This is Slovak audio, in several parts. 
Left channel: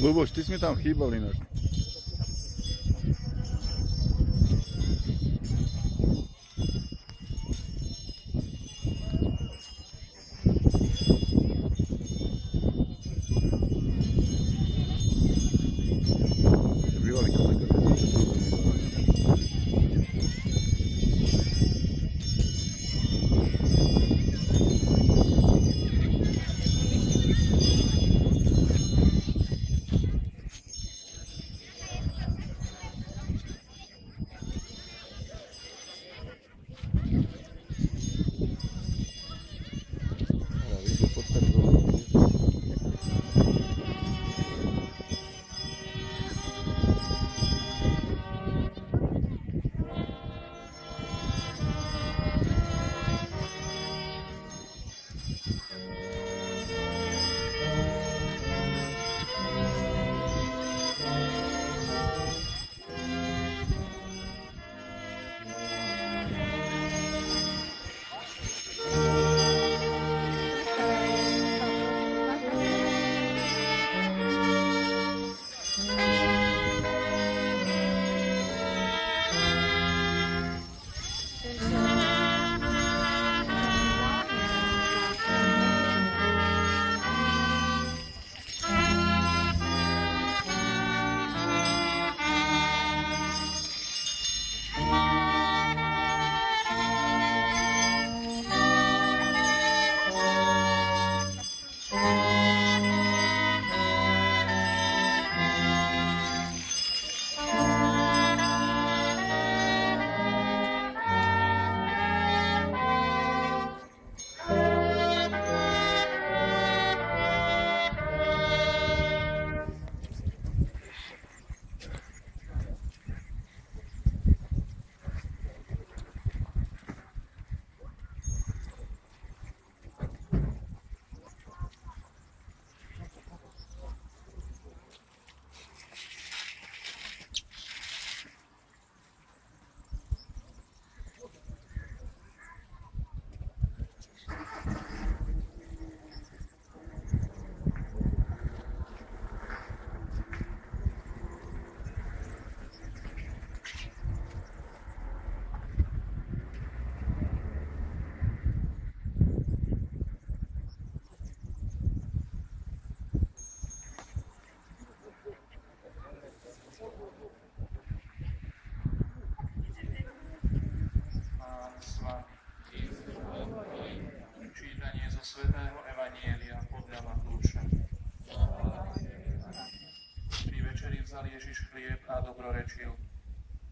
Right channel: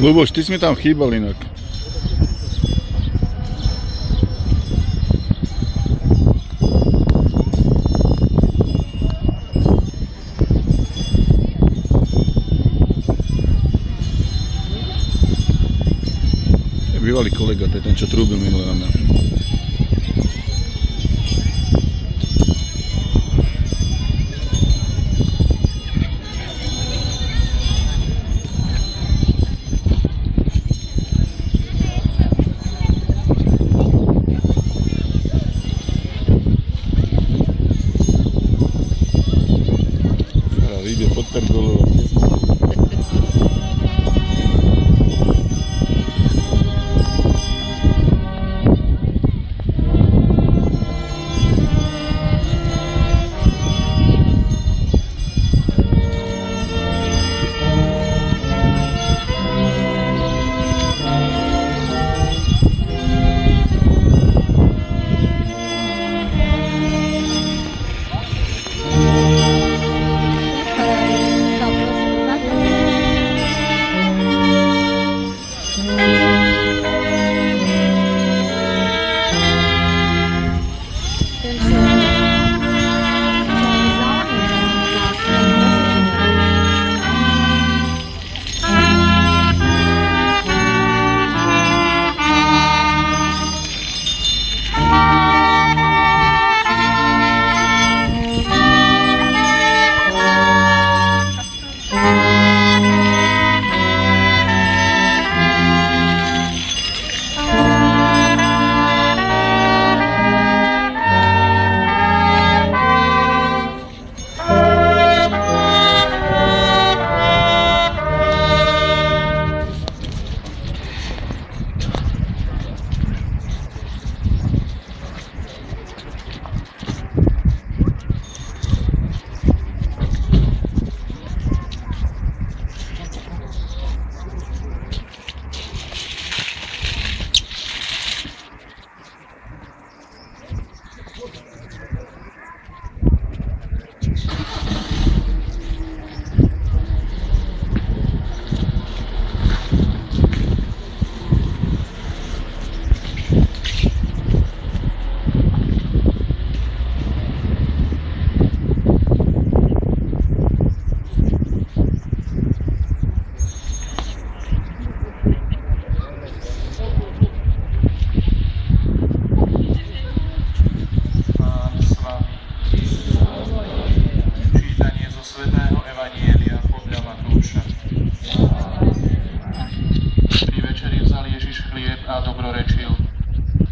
Luboš, ty si mi tam chýbal inak. Bývalý kolega, to je ten, čo trúbil minulé na mňa. Ide pod pergolovou.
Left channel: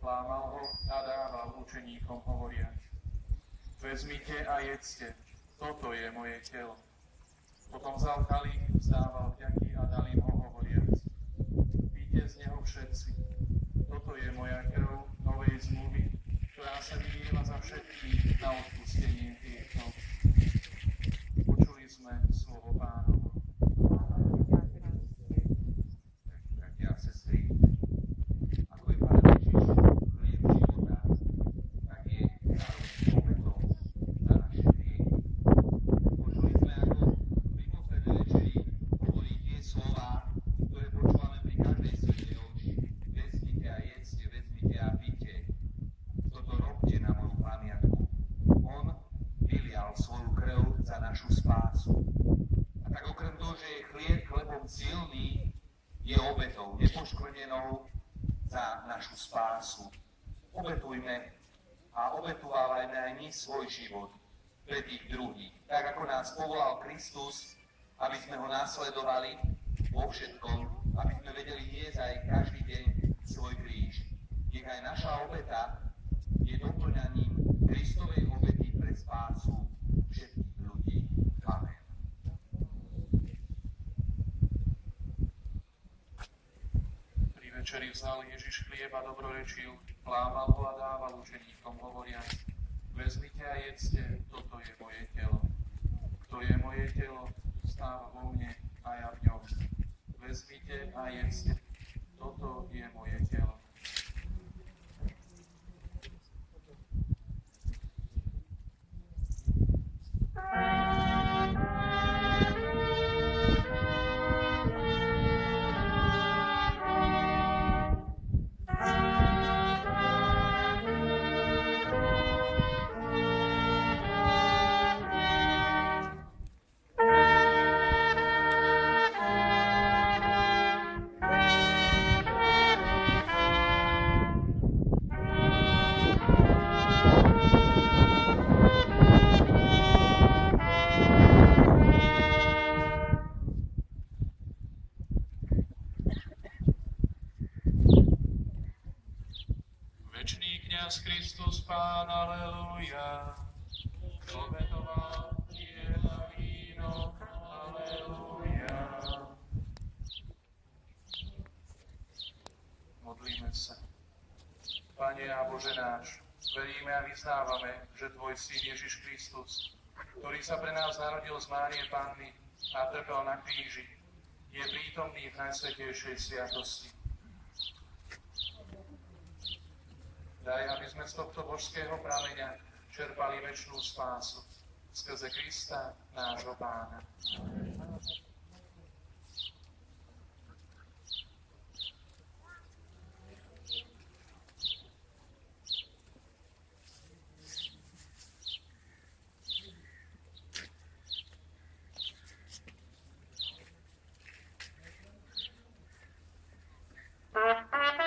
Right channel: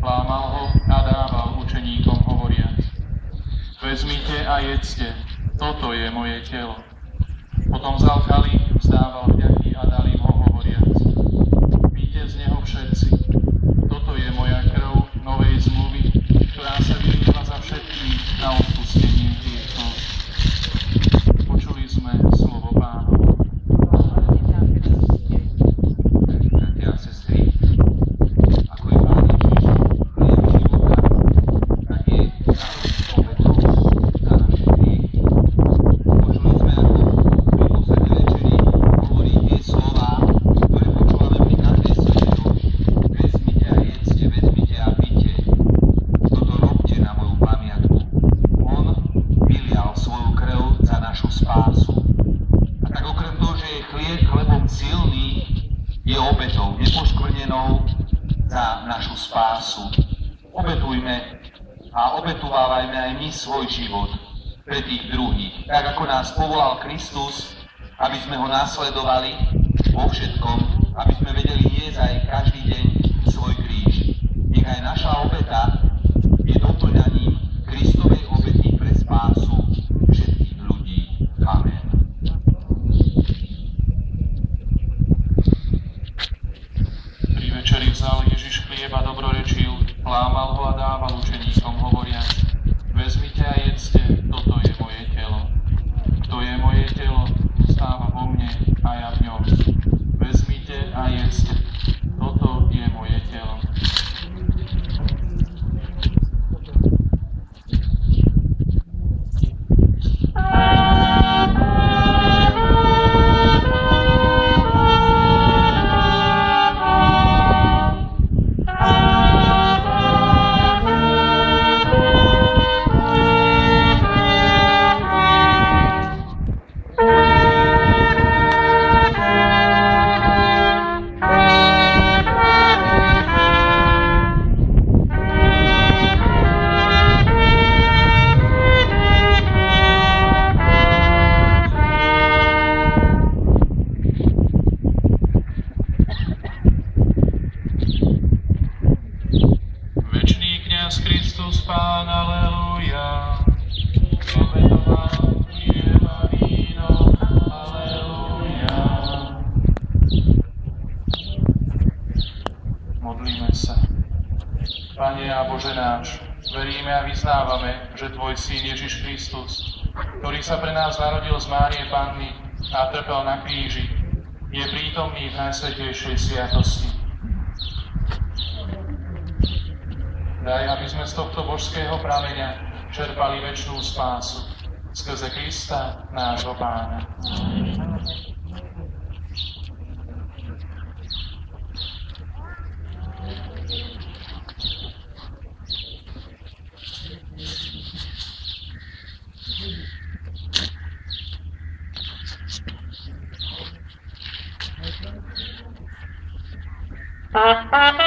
Lámal ho a dával učeníkom hovoriac: Vezmite a jedzte, toto je moje telo. Potom vzal kalich, vzdával vďaky a dal im ho hovoriac: Píte z neho všetci, toto je moja krv novej zmluvy, ktorá sa vylieva za všetkých na odpustenie hriechov. Počuli sme slovo Pánovo. Je obetou nepoškvrnenou za našu spásu. Obetujme a obetuvávajme aj my svoj život pre tých druhých, tak ako nás povolal Kristus, aby sme ho nasledovali vo všetkom, aby sme vedeli niesť aj každý deň svoj kríž. Nech aj naša obeta je doplňaním Kristovej obety pre spásu všetkých ľudí. Amen. Večeri vzal Ježiš chlieb a dobrorečil, lámal ho a dával učeníkom hovoriac: Vezmite a jedzte, toto je moje telo. Kto je moje telo, stáva vo mne a ja v ňom. Vezmite a jedzte, toto je moje telo. Pane a Bože náš, veríme a vyznávame, že Tvoj Syn Ježiš Kristus, ktorý sa pre nás narodil z Márie Panny a trpel na kríži, je prítomný v najsvätejšej sviatosti. Daj, aby sme z tohto božského prameňa čerpali večnú spásu skrze Krista, nášho Pána. Thank you.